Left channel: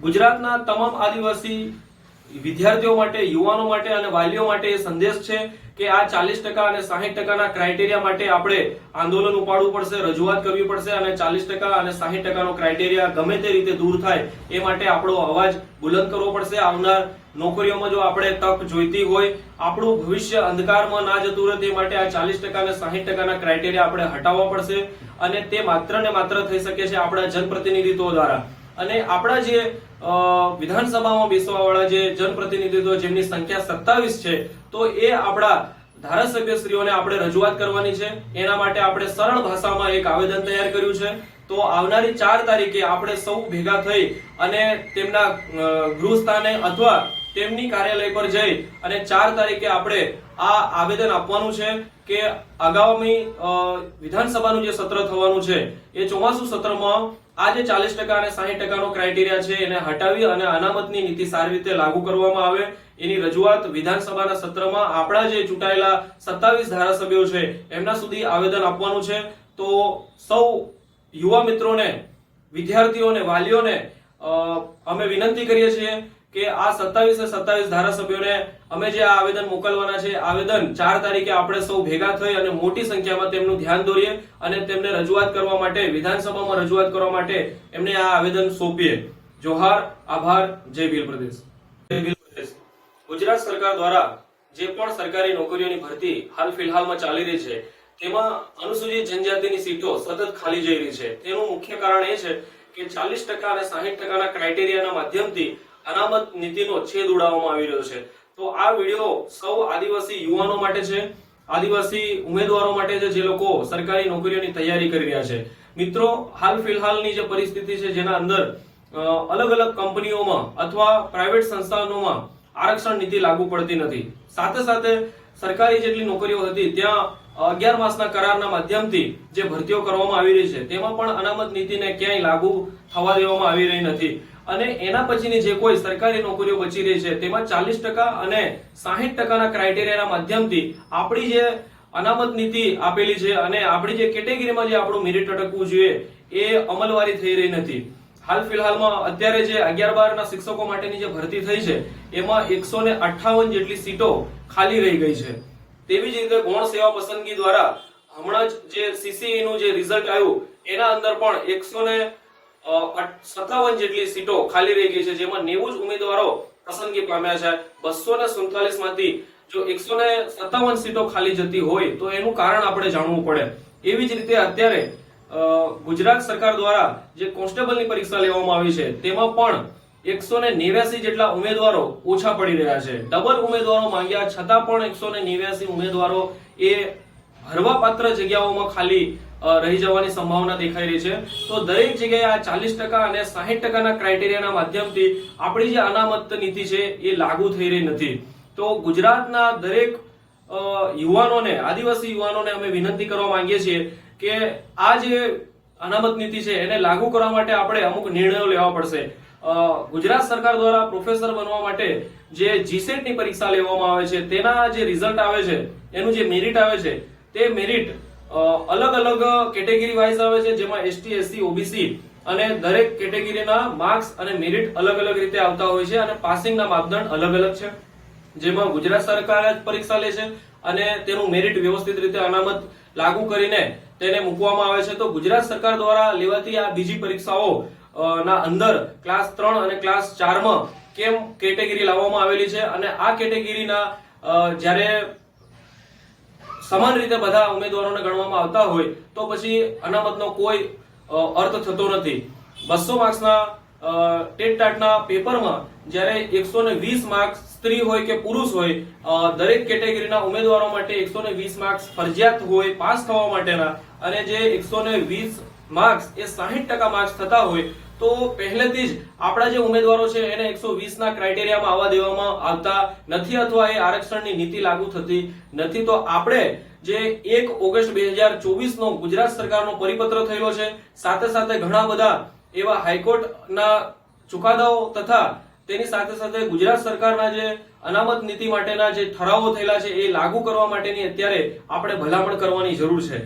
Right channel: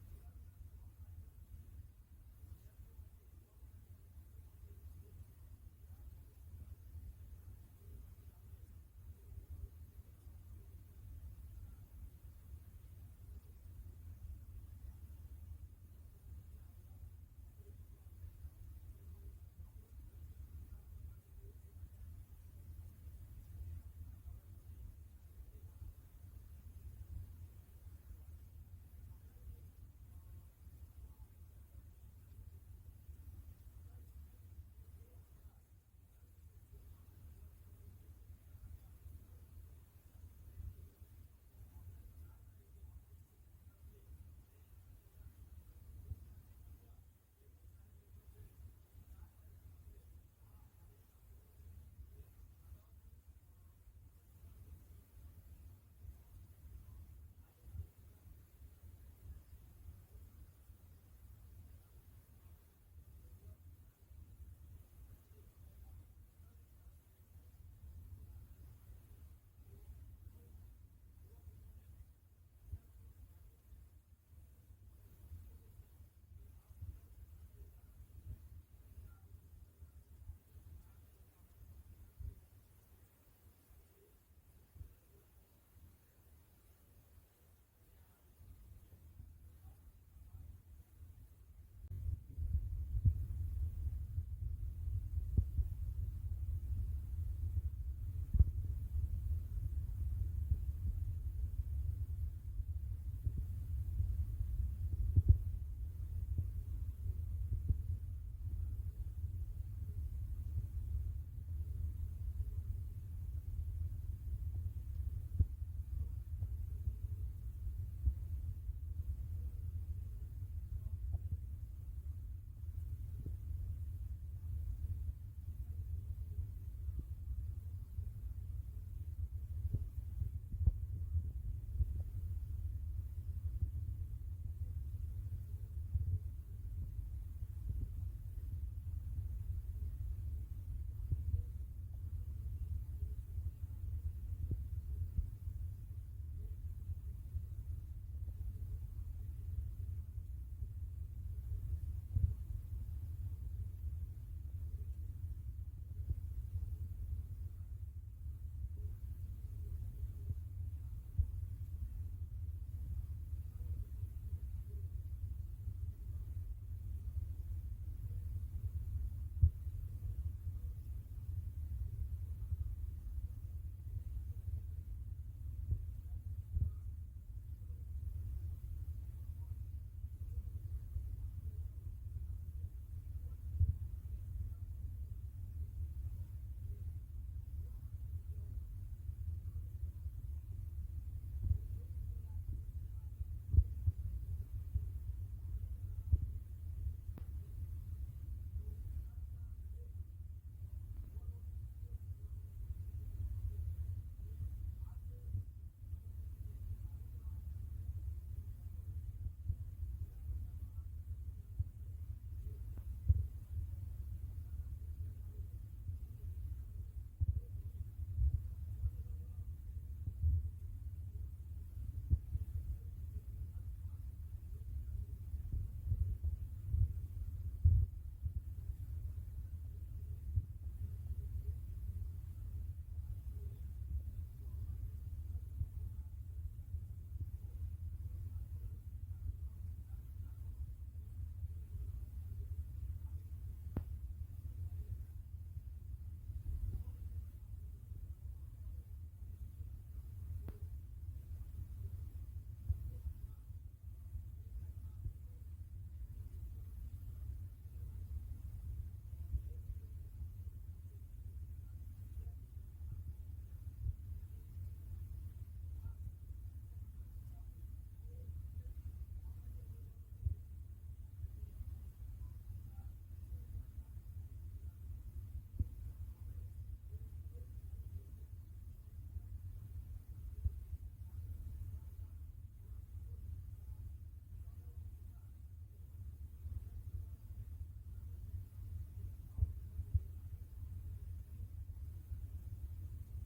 ગુજરાતના તમામ આદિવાસી વિદ્યાર્થીઓ માટે, યુવાનો માટે અને વાલીઓ માટે એ સંદેશ છે કે આ 40% અને 60%ના ક્રાઇટેરિયા માટે આપણે આંદોલન ઉપાડવું પડશે, રજૂઆત કરવી પડશે અને 40% અને 60%નો ક્રાઇટેરિયા ગમે તે રીતે દૂર થાય એ માટે આપણો અવાજ બુલંદ કરવો પડશે। આવનાર નોકરીઓમાં જો આપણે તક જોઈતી હોય, આપણું ભવિષ્ય અંધકારમાં ના જતું રહે તે માટે આ 40% અને 60%ના ક્રાઇટેરિયા આપણે હટાવવા પડશે અને તે માત્ર ને માત્ર થઈ શકે છે આપણા જનપ્રતિનિધિત્વ દ્વારા। અને આપણા જે વિધાનસભામાં બેસવા વાળા જે જનપ્રતિનિધિત્વ જેમની સંખ્યા 27 છે, તો એ આપણા ધારાસભ્યશ્રીઓને આપણે રજૂઆત કરવાની છે। એના માટે આપણે સરળ ભાષામાં એક આવેદન તૈયાર કર્યું છે। તો આવનારી 4 તારીખે આપણે સૌ ભેગા થઈ અને તેમના ગૃહસ્થાને અથવા તેમની કાર્યાલય પર જઈ અને 4 તારીખે આપણે આ આવેદન આપવાનું છે કે આગામી વિધાનસભાનું જે સત્ર થવાનું છે એ ચોમાસુ સત્રમાં આ જે 40% અને 60%નો ક્રાઇટેરિયા છે એને હટાવી અને અનામતની નીતિ સારી રીતે લાગુ કરવામાં આવે એની રજૂઆત વિધાનસભાના સત્રમાં આપણા જે ચૂંટાયેલા 27 ધારાસભ્યો છે એમના સુધી આવેદન આપવાનું છે। તો સૌ યુવા મિત્રોને, વિદ્યાર્થીઓને, વાલીઓને અમે વિનંતી કરીએ છીએ કે આ 27 ધારાસભ્યોને અમે જે આ આવેદન મોકલવાના છે, આવેદન 4 તારીખે આપણે સૌ ભેગા થઈ અને મોટી સંખ્યામાં તેમનું ધ્યાન દોરીએ અને તેમને રજૂઆત કરવા માટે, વિધાનસભામાં રજૂઆત કરવા માટે એમને આ આવેદન સોંપીએ। જોહાર, આભાર, જય ભીલ પ્રદેશ। ગુજરાત સરકાર દ્વારા જે પણ સરકારી નોકરીઓની ભરતી હાલ ફિલહાલમાં ચાલી રહી છે તેમાં અનુસૂચિત જનજાતિની સીટો સતત ખાલી જઈ રહી છે। તેનું મુખ્ય કારણ એ છે કે 40% અને 60%ના ક્રાઇટેરિયાના માધ્યમથી અનામત નીતિનો છેદ ઉડાવવામાં આવી રહ્યો છે। તો આ વિડિયો સૌ આદિવાસી યુવાનો માટે છે, આદિવાસી ઉમેદવારો માટે છે જે લોકો સરકારી નોકરીઓની તૈયારી કરી રહ્યા છે। મિત્રો, હાલ ફિલહાલની જે પરિસ્થિતિ છે જેના અંદર અલગ અલગ કંપનીઓમાં અથવા પ્રાઇવેટ સંસ્થાનોમાં આરક્ષણ નીતિ લાગુ પડતી નથી। સાથે સાથે સરકારી જેટલી નોકરીઓ હતી ત્યાં 11 માસના કરારના માધ્યમથી જે ભરતીઓ કરવામાં આવી રહી છે તેમાં પણ અનામત નીતિને ક્યાંય લાગુ થવા દેવામાં આવી રહી નથી અને એના પછીની જે કોઈ સરકારી નોકરીઓ બચી રહી છે તેમાં 40% અને 60%ના ક્રાઇટેરિયાના માધ્યમથી આપણી જે અનામત નીતિ આપેલી છે અને આપણી જે કેટેગરીમાં જે આપણું મેરિટ અટકવું જોઈએ એ અમલવારી થઈ રહી નથી। હાલ ફિલહાલમાં અત્યારે જે 11-12 ના શિક્ષકો માટેની જે ભરતી થઈ છે એમાં 158 જેટલી સીટો ખાલી રહી ગઈ છે। તેવી જ રીતે ગૌણ સેવા પસંદગી દ્વારા હમણાં જ જે CCE નું જે રિઝલ્ટ આવ્યું એના અંદર પણ 157 જેટલી સીટો ખાલી રહી ગઈ છે, જેમાં 90 જ ઉમેદવારો પસંદગી પામ્યા છે। 247 માંથી જો 157 સીટો ખાલી જતી હોય તો એનું કારણ આપણે જાણવું પડે। એવી જ રીતે અત્યારે ગુજરાત સરકાર દ્વારા જે કોન્સ્ટેબલની પરીક્ષા લેવામાં આવી છે તેમાં પણ 189 જેટલા ઉમેદવારો ઓછા પડી રહ્યા છે। ડબલ ઉમેદવારો માંગ્યા છતાં પણ 189 ઉમેદવારો એ ભરવાપાત્ર જગ્યાઓમાં ખાલી રહી જવાની સંભાવના દેખાઈ રહી છે। તો દરેક જગ્યાએ આ 40% અને 60%ના ક્રાઇટેરિયાના માધ્યમથી આપણી જે અનામત નીતિ છે એ લાગુ થઈ રહી નથી। તો ગુજરાતના દરેક યુવાનોને, આદિવાસી યુવાનોને અમે વિનંતી કરવા માંગીએ છીએ કે આ જે અનામત નીતિ છે એને લાગુ કરવા માટે આપણે અમુક નિર્ણયો લેવા પડશે। ગુજરાત સરકાર દ્વારા પ્રોફેસર બનવા માટે જે GSET ની પરીક્ષા લેવામાં આવે છે તેના જે રિઝલ્ટ આવે છે, એનું જે મેરિટ આવે છે તે મેરિટ અલગ અલગ કેટેગરી વાઇઝ આવે છે, જેમાં ST, SC, OBC અને દરેક કેટેગરીના માર્ક્સ અને મેરિટ અલગ અલગ રીતે આવતા હોય છે અને પાસિંગના માપદંડ અલગ અલગ છે, જેમાં ગુજરાત સરકાર જ પરીક્ષા લે છે અને તેનું મેરિટ વ્યવસ્થિત રીતે અનામત લાગુ કરીને તેને મૂકવામાં આવે છે। તો ગુજરાત સરકાર દ્વારા લેવાતી આ બીજી પરીક્ષાઓ ના અંદર ક્લાસ 3 અને ક્લાસ 4 માં કેમ કેટેગરી લાવવામાં આવેલી છે અને આ કેટેગરીના જ્યારે સમાન રીતે બધા ઉમેદવારોને ગણવામાં આવતા હોય તો પછી અનામતનો કોઈ અર્થ થતો નથી। 200 માર્ક્સના ટેટ-ટાટના પેપરમાં જ્યારે 120 માર્ક્સ સ્ત્રી હોય કે પુરુષ હોય, દરેક કેટેગરીના ઉમેદવારો માટે 120 માર્ક્સ ફરજિયાત હોય પાસ થવા માટેના, અને જે 120 માર્ક્સ એ 60% માર્ક્સ થતા હોય તો પહેલેથી જ આપણા જે ઉમેદવારો છે એને 120 ના ક્રાઇટેરિયામાં આવવા દેવામાં આવતા નથી અથવા એ આરક્ષણની નીતિ લાગુ થતી નથી। તો આપણે જે 1 ઓગસ્ટ 2024 નો ગુજરાત સરકારનો પરિપત્ર થયેલો છે, સાથે સાથે ઘણા બધા એવા હાઈકોર્ટના ચુકાદાઓ તથા તેની સાથે સાથે ગુજરાત સરકારના જે અનામત નીતિ માટેના જે ઠરાવો થયેલા છે એ લાગુ કરવા માટેની અત્યારે આપણે ભલામણ કરવાની જરૂર છે।